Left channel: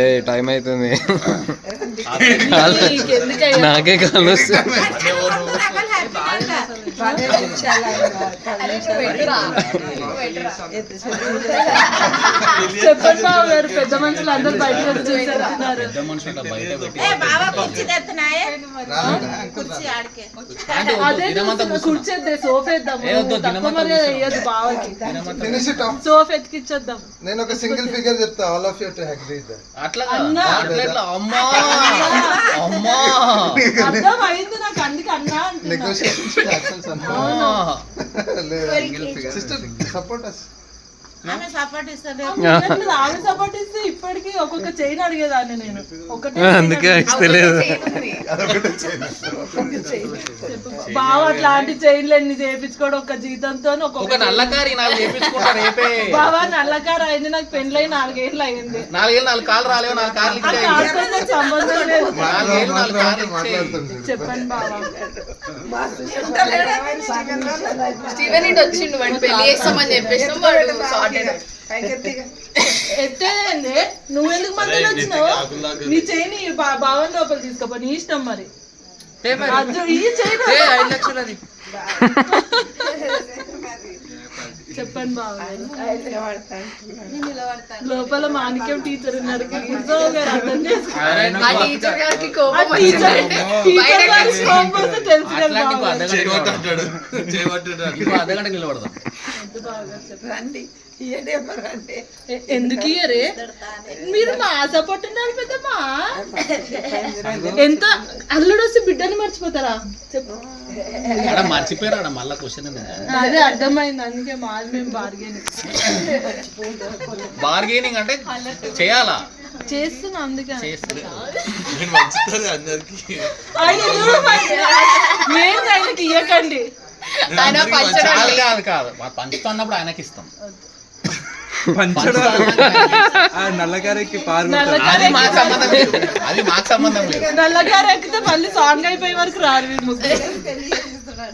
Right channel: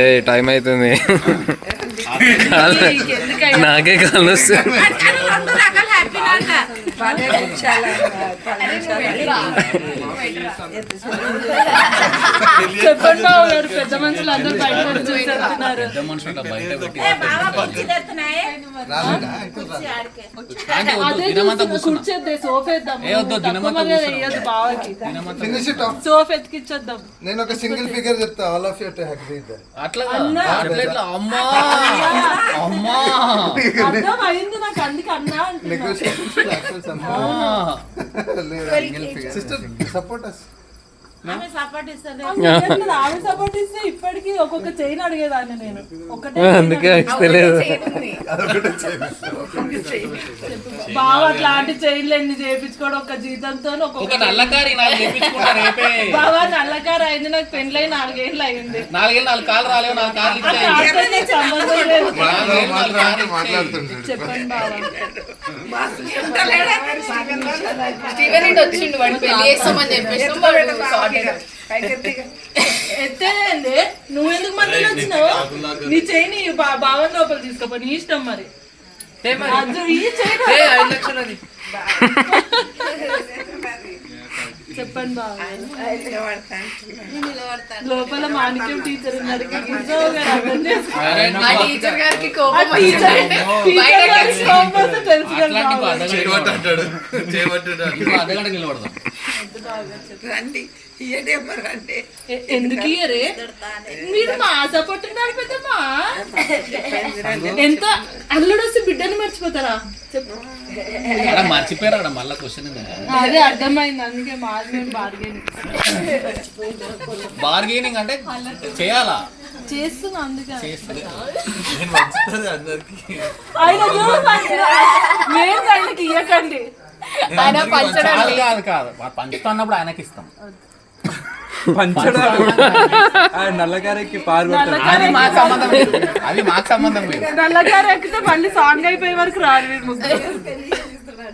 ఏ time అవుతుంది నాకే కాలు వస్తుంది. చెప్పండి బాబు గారు, పెద్ద మనుషులు అందరూ బయట సోఫ్ ఎత్తికిచ్చేద్దాం. నేను ఒక సింగిల్ ఫిగర్ చెప్తా, all of you to agree that. అట్లా అమ్మా అమ్మా అర్థం అయింది నాకు, అందుకే అన్నా నెగోషియేషన్స్ సిస్టర్ సపోర్ట్ us. ఆమె సపోర్ట్ ఇస్తే ఇప్పటికీ ఒక్కొక్క చైన్ అడిగేదాన్ని నేను. ఒకటే అందుకే ఇస్తలేదు. బావ అట్లాంటి చైన్లు ఎన్ని చేయించుకోవడం ఒక జీతంతో. బావా నల్లకారు అయింది, నాకు పెళ్ళై 4 ఏళ్ళు అయింది. 4 ఏళ్ళు 4 కాళ్ళు రాలేవు, 4 కాళ్ళు నాకు సంబంధం లేదు. మాట్లాడుతుంటాడు. చెప్పండి బావ. వచ్చిండు వాడు పెళ్లి చేస్తామని చెప్పేసి ఎత్తేదండి, నువ్వెందుకు మధ్యలో వచ్చినావు? నీ చైన్ బావని లోపల తీసుకోపో, నీ ఇష్టం మరి. ఈ చైన్ చెప్పండి బావ. లోపల మాణిక్యం టీచర్ ఉన్నారు, అర్థం టీచర్ గారికి కోపం తెలుసు కదా. అర్ధగంట నిలబడదాం. ఎందుకు ఇయ్యరే మీరు? మా సపోర్ట్ ఉండాలి పెద్దమ్మా. ఎంత అల్లుడు వస్తే బిడ్డను మర్చిపోతారా? చెప్పు. మర్చిపోయారా మళ్ళా క్వశ్చన్? అదే అర్థమైంది, అందుకే మాది మేము బార్గెనింగ్ అంటే చేయాలా? చేస్తున్నా, అందుకే ఆయనకి ఇయ్యకండి. ఆయన పంచడం కాదు కాదు, పంచుతున్నప్పుడు ఆయనకి ఇస్తాం. నల్లగారికి అది మాకు సంబంధం లేదు, అది మాకు సంబంధం లేదు. నల్లగారు ఎక్కితే మళ్ళీ సాంగ్ అయిపోయే వరకు రారు.